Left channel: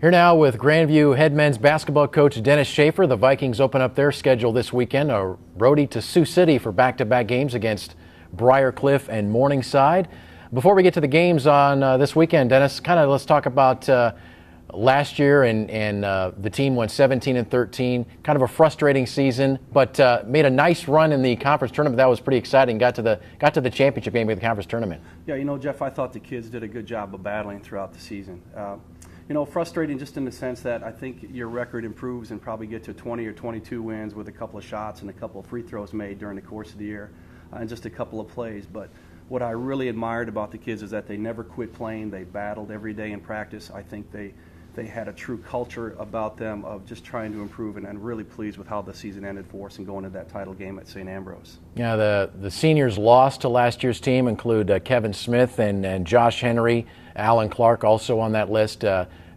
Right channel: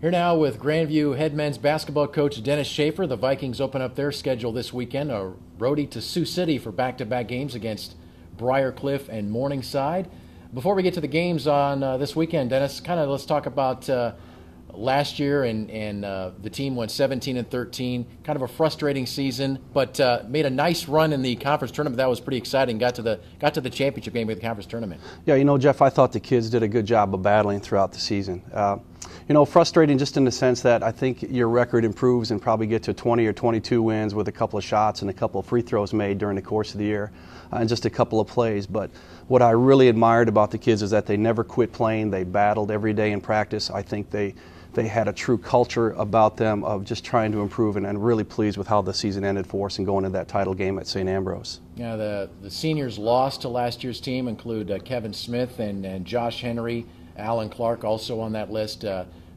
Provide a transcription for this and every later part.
Here now with Grandview head men's basketball coach Denis Schaefer. The Vikings open up their schedule this weekend, a roadie to Sioux City for back-to-back games against Briarcliff and Morningside. Before we get to the games on this weekend, Denis, let's talk about last year and the team went 17-13. Kind of a frustrating season, but made a nice run in the conference tournament. That was pretty exciting. Got to the championship game of the conference tournament. Yeah, you know, Jeff, I thought the kids did a good job of battling throughout the season. You know, frustrating just in the sense that I think your record improves and probably get to 20 or 22 wins with a couple of shots and a couple of free throws made during the course of the year and just a couple of plays. But what I really admired about the kids is that they never quit playing. They battled every day in practice. I think they had a true culture about them of just trying to improve, and I'm really pleased with how the season ended for us and going into that title game at St. Ambrose. Yeah, the seniors lost to last year's team include Kevin Smith and Josh Henry, Alan Clark also on that list.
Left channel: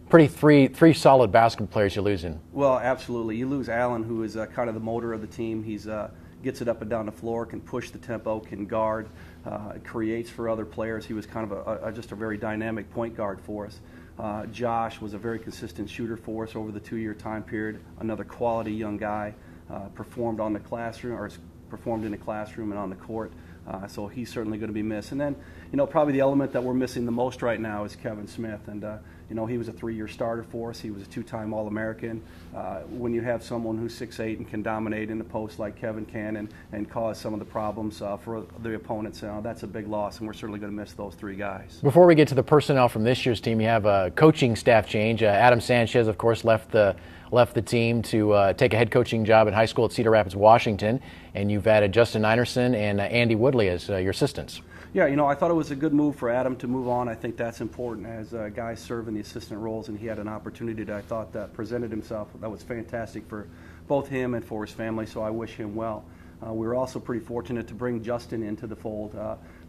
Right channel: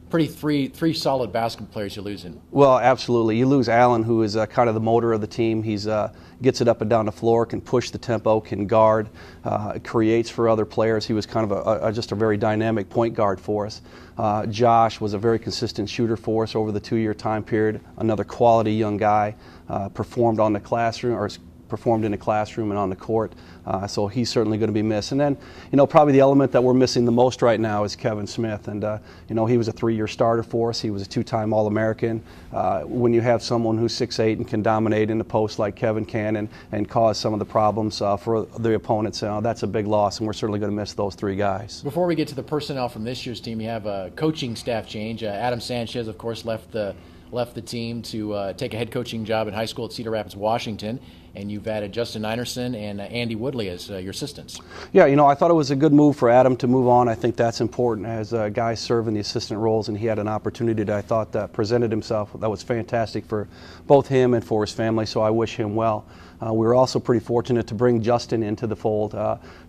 Three solid basketball players you're losing. Well, absolutely. You lose Alan, who is kind of the motor of the team. He's gets it up and down the floor, can push the tempo, can guard, creates for other players. He was kind of just a very dynamic point guard for us. Josh was a very consistent shooter for us over the 2-year time period. Another quality young guy, performed in the classroom and on the court. So he's certainly going to be missed. And then, you know, probably the element that we're missing the most right now is Kevin Smith. And, you know, he was a 3-year starter for us. He was a 2-time All-American. When you have someone who's 6'8" and can dominate in the post like Kevin can and cause some of the problems for the opponents, that's a big loss, and we're certainly going to miss those 3 guys. Before we get to the personnel from this year's team, you have a coaching staff change. Adam Sanchez, of course, left the team to take a head coaching job in high school at Cedar Rapids, Washington, and you've added Justin Einerson and Andy Woodley as your assistants. Yeah, you know, I thought it was a good move for Adam to move on. I think that's important as guys serve in the assistant roles, and he had an opportunity that I thought presented himself that was fantastic for both him and for his family, so I wish him well. We were also pretty fortunate to bring Justin into the fold.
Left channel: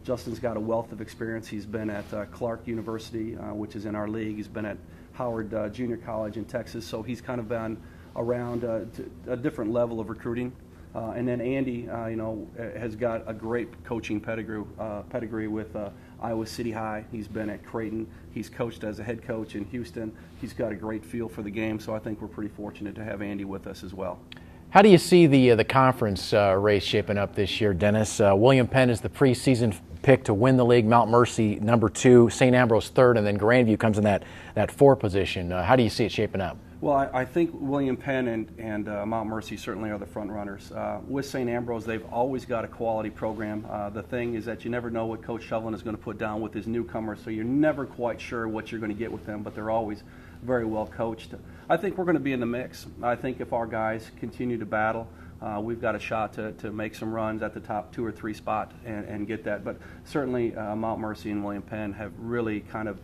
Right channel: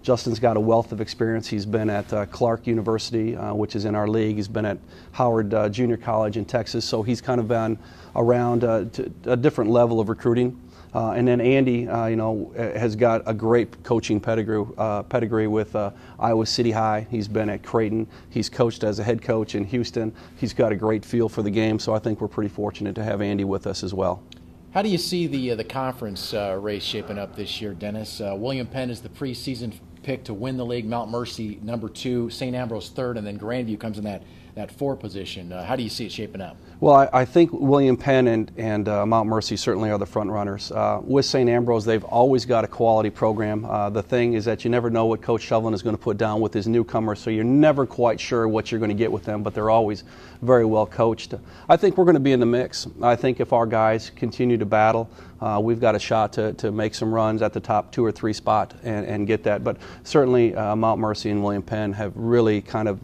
Justin's got a wealth of experience. He's been at Clark University, which is in our league. He's been at Howard Junior College in Texas, so he's kind of been around to a different level of recruiting. And then Andy, you know, has got a great coaching pedigree with Iowa City High. He's been at Creighton. He's coached as a head coach in Houston. He's got a great feel for the game, so I think we're pretty fortunate to have Andy with us as well. How do you see the conference race shaping up this year, Denis? William Penn is the preseason pick to win the league, Mount Mercy number 2, St. Ambrose 3rd, and then Grandview comes in that 4 position. How do you see it shaping up? Well, I think William Penn and Mount Mercy certainly are the front runners. With St. Ambrose, they've always got a quality program. The thing is that you never know what Coach Shovlin is going to put down with his newcomers, so you're never quite sure what you're going to get with them, but they're always very well coached. I think we're going to be in the mix. I think if our guys continue to battle, we've got a shot to make some runs at the top 2 or 3 spot and get that. But certainly Mount Mercy and William Penn have really kind of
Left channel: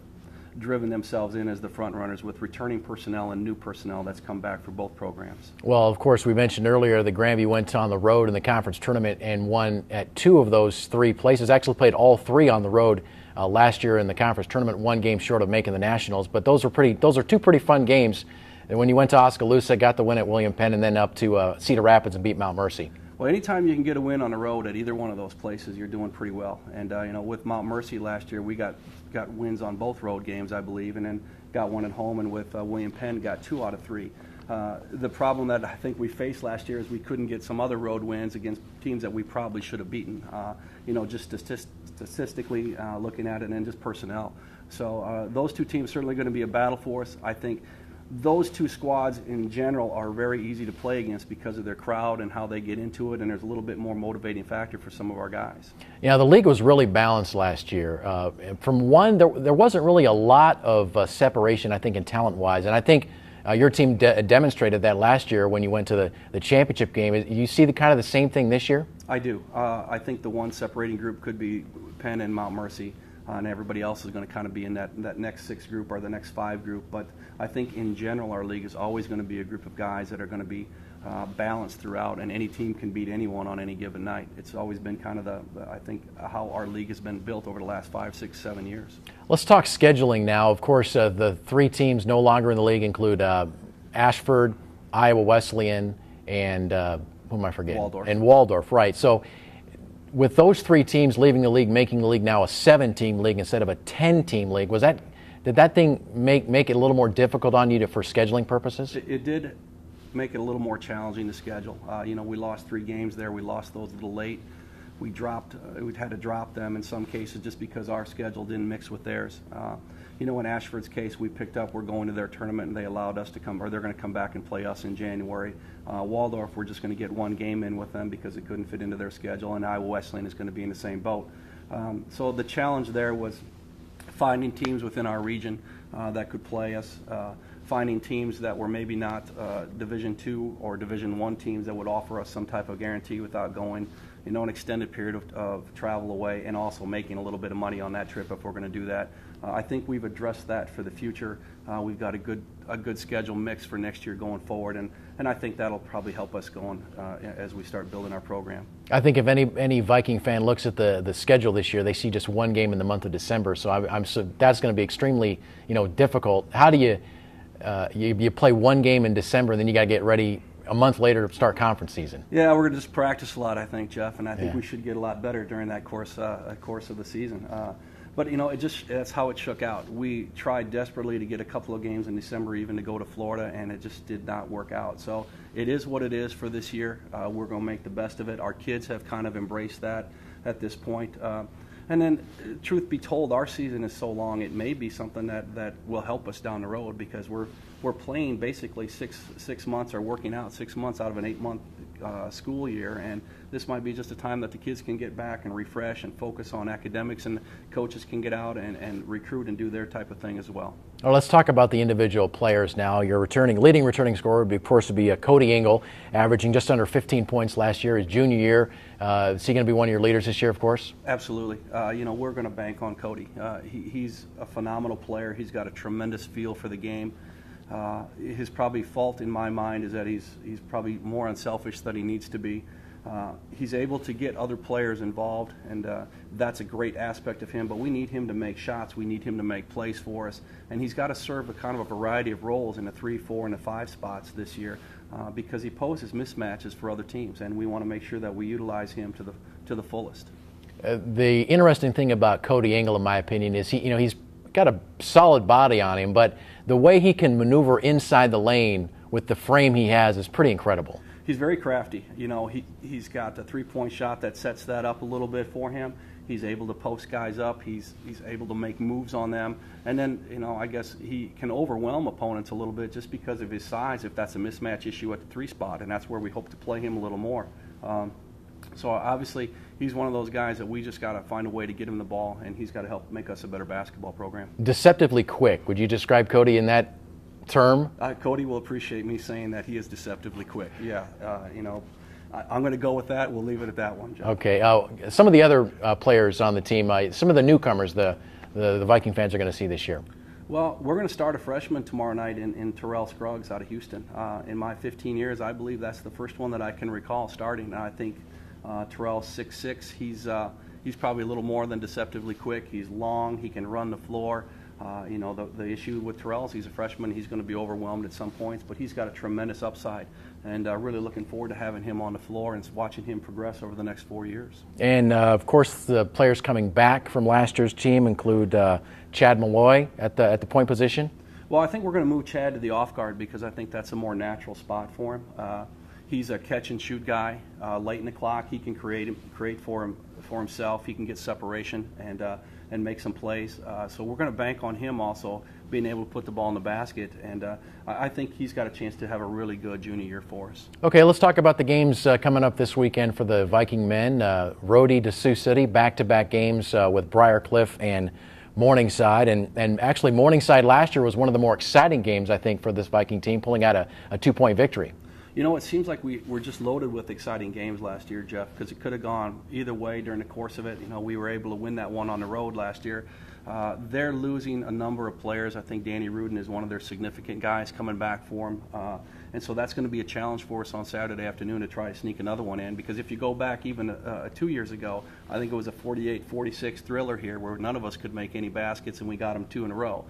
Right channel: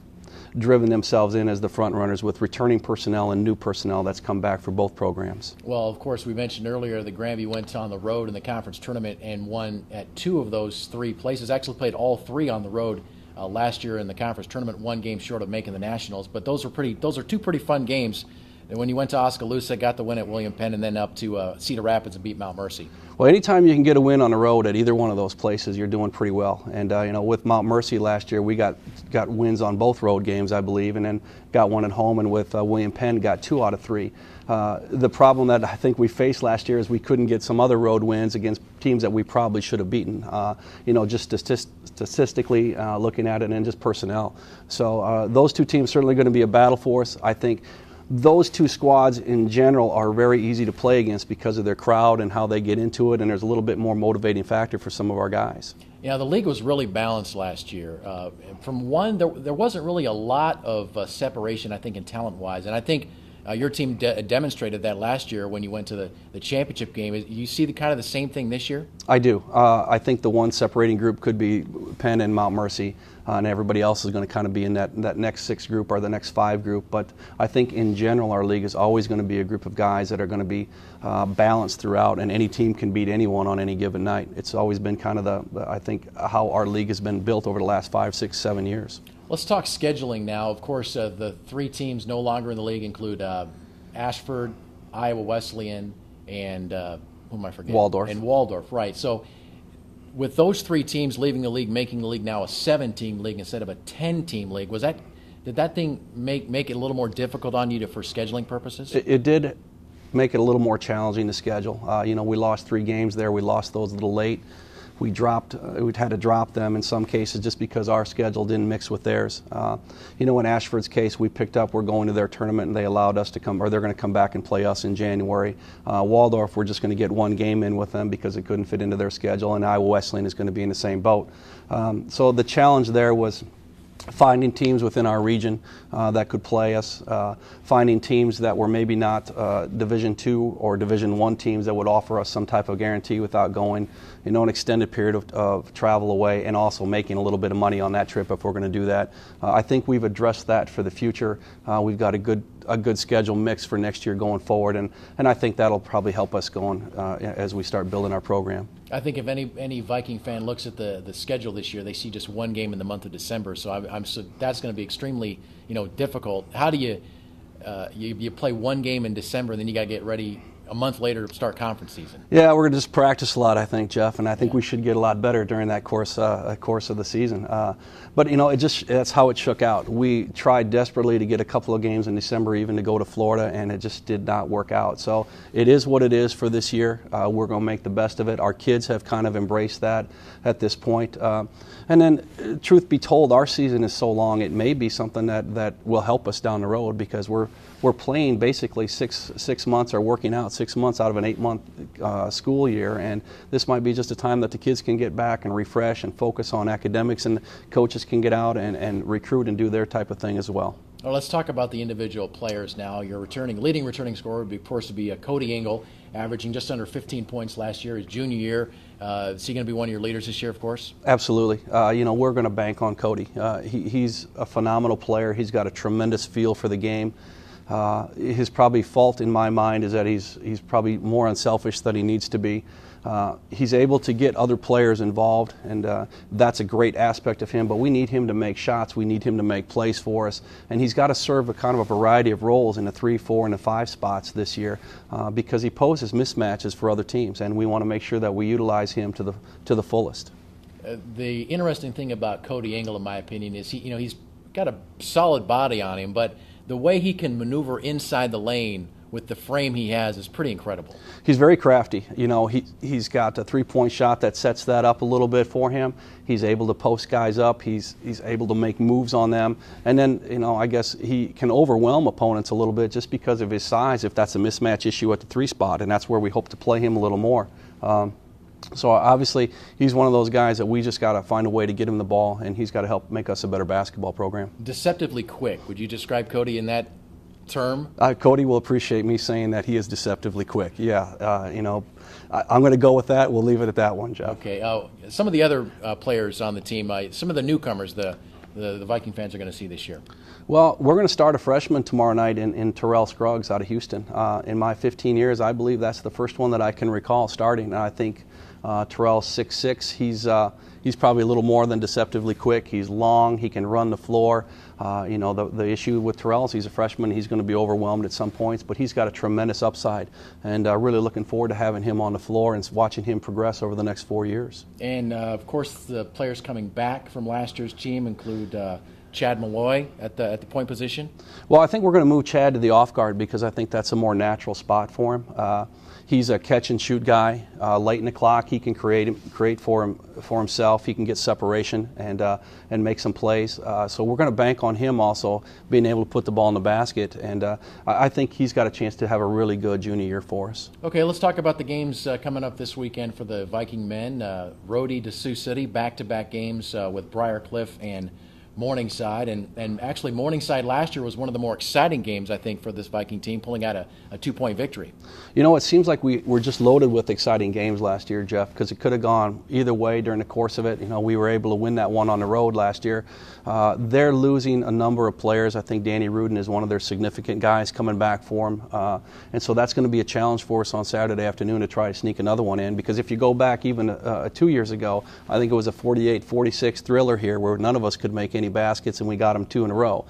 driven themselves in as the front runners with returning personnel and new personnel that's come back for both programs. Well, of course, we mentioned earlier that Grandview went on the road in the conference tournament and won at 2 of those 3 places. Actually played all 3 on the road last year in the conference tournament, 1 game short of making the Nationals. But those are 2 pretty fun games. And when you went to Oskaloosa, got the win at William Penn, and then up to Cedar Rapids and beat Mount Mercy. Well, anytime you can get a win on the road at either one of those places, you're doing pretty well. And you know, with Mount Mercy last year, we got wins on both road games, I believe, and then got 1 at home. And with William Penn, got 2 out of 3. The problem that I think we faced last year is we couldn't get some other road wins against teams that we probably should have beaten. You know, just statistically looking at it, and just personnel. So those 2 teams certainly going to be a battle for us. I think those 2 squads in general are very easy to play against because of their crowd and how they get into it, and there's a little bit more motivating factor for some of our guys. Yeah, the league was really balanced last year. From one, there wasn't really a lot of separation, I think, in talent-wise, and I think your team demonstrated that last year when you went to the championship game. You see the same thing this year? I do. I think the one separating group could be Penn and Mount Mercy. And everybody else is going to kind of be in that next 6 group or the next 5 group. But I think in general our league is always going to be a group of guys that are going to be balanced throughout, and any team can beat anyone on any given night. It's always been kind of I think how our league has been built over the last 5, 6, 7 years. Let's talk scheduling now. Of course, the 3 teams no longer in the league include Ashford, Iowa Wesleyan, and who am I forgetting? Waldorf. And Waldorf, right. So with those 3 teams leaving the league, making the league now a 7-team league instead of a 10-team league, was that Did that thing make it a little more difficult on you for scheduling purposes? It did make it a little more challenging to schedule. We lost 3 games there. We lost those a little late. We'd had to drop them in some cases just because our schedule didn't mix with theirs. In Ashford's case, we picked up, we're going to their tournament, and they allowed us to come, or they're going to come back and play us in January. Waldorf, we're just going to get 1 game in with them because it couldn't fit into their schedule, and Iowa Wesleyan is going to be in the same boat. So the challenge there was finding teams within our region that could play us, finding teams that were maybe not Division II or Division I teams that would offer us some type of guarantee without going an extended period of travel away, and also making a little bit of money on that trip if we're going to do that. I think we've addressed that for the future. We've got a good schedule mix for next year going forward, and I think that'll probably help us going as we start building our program. I think if any Viking fan looks at the schedule this year, they see just 1 game in the month of December. So that's going to be extremely difficult. How do you play 1 game in December and then you got to get ready a month later to start conference season? Yeah, we're going to just practice a lot, I think, Jeff, and I think we should get a lot better during that course of the season. But that's how it shook out. We tried desperately to get a couple of games in December, even to go to Florida, and it just did not work out. So it is what it is for this year. We're going to make the best of it. Our kids have kind of embraced that at this point. And then, truth be told, our season is so long, it may be something that will help us down the road, because we're playing basically six months, or working out 6 months out of an 8-month school year, and this might be just a time that the kids can get back and refresh and focus on academics, and coaches can get out and recruit and do their type of thing as well. Well, let's talk about the individual players now. Your leading returning scorer would be, of course, Cody Engel, averaging just under 15 points last year, his junior year. Is he going to be one of your leaders this year, of course? Absolutely. We're going to bank on Cody. He's a phenomenal player. He's got a tremendous feel for the game. His probably fault in my mind is that he's probably more unselfish than he needs to be. He's able to get other players involved, and that's a great aspect of him, but we need him to make shots. We need him to make plays for us, and he's got to serve a kind of a variety of roles in the 3, 4, and the 5 spots this year, because he poses mismatches for other teams, and we want to make sure that we utilize him to the fullest. The interesting thing about Cody Engel, in my opinion, is he's got a solid body on him, but the way he can maneuver inside the lane with the frame he has is pretty incredible. He's very crafty. He's got a 3-point shot that sets that up a little bit for him. He's able to post guys up. He's able to make moves on them. And then, I guess he can overwhelm opponents a little bit just because of his size, if that's a mismatch issue at the 3 spot, and that's where we hope to play him a little more. So obviously, he's one of those guys that we just got to find a way to get him the ball, and he's got to help make us a better basketball program. Deceptively quick. Would you describe Cody in that term? Cody will appreciate me saying that he is deceptively quick. Yeah, I'm going to go with that. We'll leave it at that one, Jeff. Okay. Some of the other players on the team, some of the newcomers the Viking fans are going to see this year. Well, we're going to start a freshman tomorrow night in Terrell Scruggs out of Houston. In my 15 years, I believe that's the first one that I can recall starting. And I think Terrell's 6'6". He's probably a little more than deceptively quick. He's long. He can run the floor. The issue with Terrell is he's a freshman. He's going to be overwhelmed at some points, but he's got a tremendous upside. And really looking forward to having him on the floor and watching him progress over the next 4 years. And, of course, the players coming back from last year's team include Chad Malloy at the point position. Well, I think we're going to move Chad to the off guard because I think that's a more natural spot for him. He's a catch-and-shoot guy. Late in the clock, he can create for himself. He can get separation and make some plays. So we're going to bank on him also being able to put the ball in the basket. And I think he's got a chance to have a really good junior year for us. Okay, let's talk about the games coming up this weekend for the Viking men. Rhodey to Sioux City, back-to-back games with Briarcliff and Morningside, and actually Morningside last year was one of the more exciting games, I think, for this Viking team, pulling out a 2-point victory. It seems like we were just loaded with exciting games last year, Jeff, because it could have gone either way during the course of it. We were able to win that one on the road last year. They're losing a number of players. I think Danny Rudin is one of their significant guys coming back for them. And so that's going to be a challenge for us on Saturday afternoon to try to sneak another one in, because if you go back even 2 years ago, I think it was a 48-46 thriller here where none of us could make any baskets, and we got them 2 in a row.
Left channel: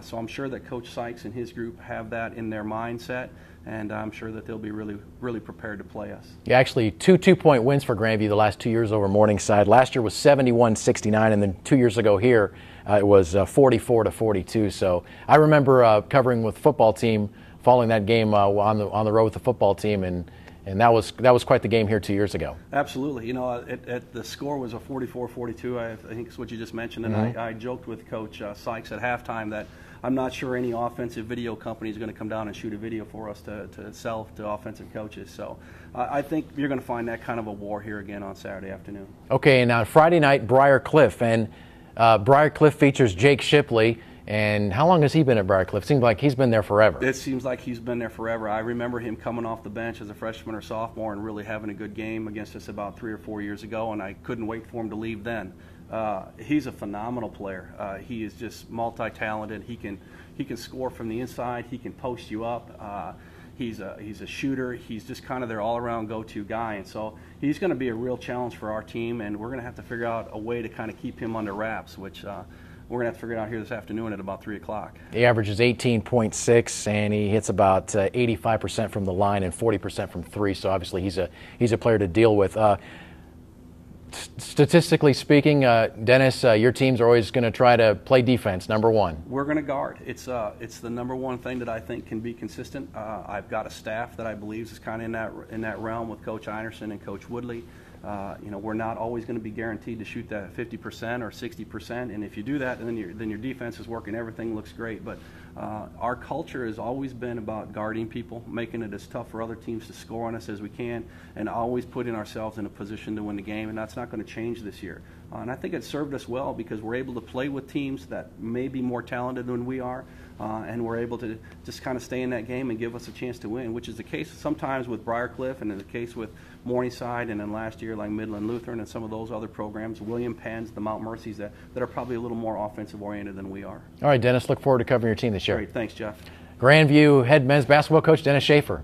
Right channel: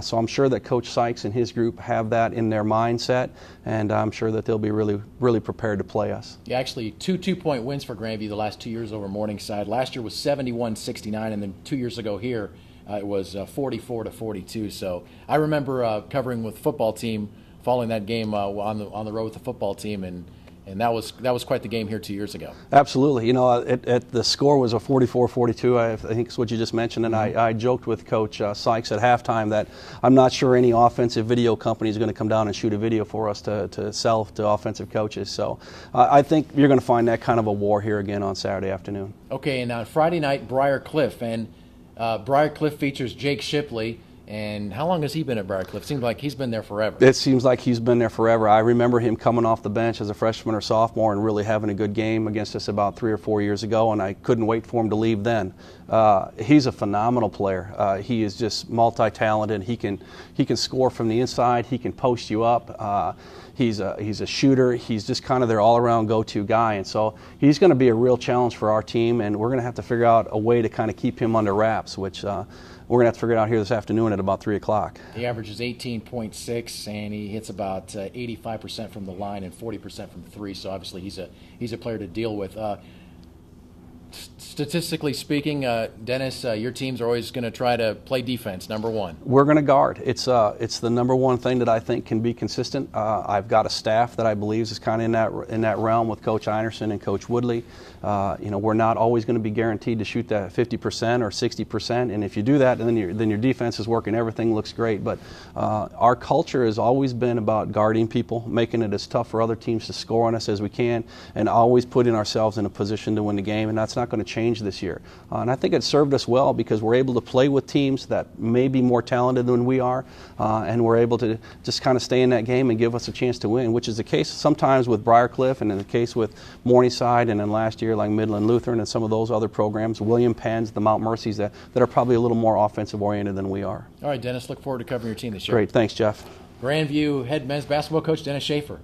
So I'm sure that Coach Sykes and his group have that in their mindset, and I'm sure that they'll be really, really prepared to play us. Yeah, actually, 2 2-point wins for Grandview the last 2 years over Morningside. Last year was 71-69, and then 2 years ago here, it was 44-42. So I remember covering with the football team, following that game on the road with the football team, and that was quite the game here 2 years ago. Absolutely. You know, the score was a 44-42, I think is what you just mentioned, and I joked with Coach Sykes at halftime that I'm not sure any offensive video company is going to come down and shoot a video for us to sell to offensive coaches. So I think you're going to find that kind of a war here again on Saturday afternoon. Okay, and Friday night, Briar Cliff, and Briar Cliff features Jake Shipley. And how long has he been at Briar Cliff? Seems like he's been there forever. It seems like he's been there forever. I remember him coming off the bench as a freshman or sophomore and really having a good game against us about 3 or 4 years ago, and I couldn't wait for him to leave then. He's a phenomenal player. He is just multi-talented. He can score from the inside. He can post you up. He's a shooter. He's just kind of their all-around go-to guy, and so he's going to be a real challenge for our team, and we're going to have to figure out a way to kind of keep him under wraps, which we're going to have to figure it out here this afternoon at about 3 o'clock. He averages 18.6, and he hits about 85% from the line and 40% from three. So obviously he's a player to deal with. Statistically speaking, Dennis, your teams are always going to try to play defense, number one. We're going to guard. It's the number one thing that I think can be consistent. I've got a staff that I believe is kind of in that realm with Coach Einerson and Coach Woodley. You know, we're not always going to be guaranteed to shoot that 50% or 60%, and if you do that, then your defense is working. Everything looks great. But our culture has always been about guarding people, making it as tough for other teams to score on us as we can, and always putting ourselves in a position to win the game. And that's not going to change this year. And I think it served us well because we're able to play with teams that may be more talented than we are, and we're able to just kind of stay in that game and give us a chance to win, which is the case sometimes with Briar Cliff and in the case with Morningside, and then last year like Midland Lutheran and some of those other programs, William Penn's, the Mount Mercy's, that are probably a little more offensive oriented than we are. All right, Dennis, look forward to covering your team this year. Great, thanks, Jeff. Grandview head men's basketball coach Denis Schaefer.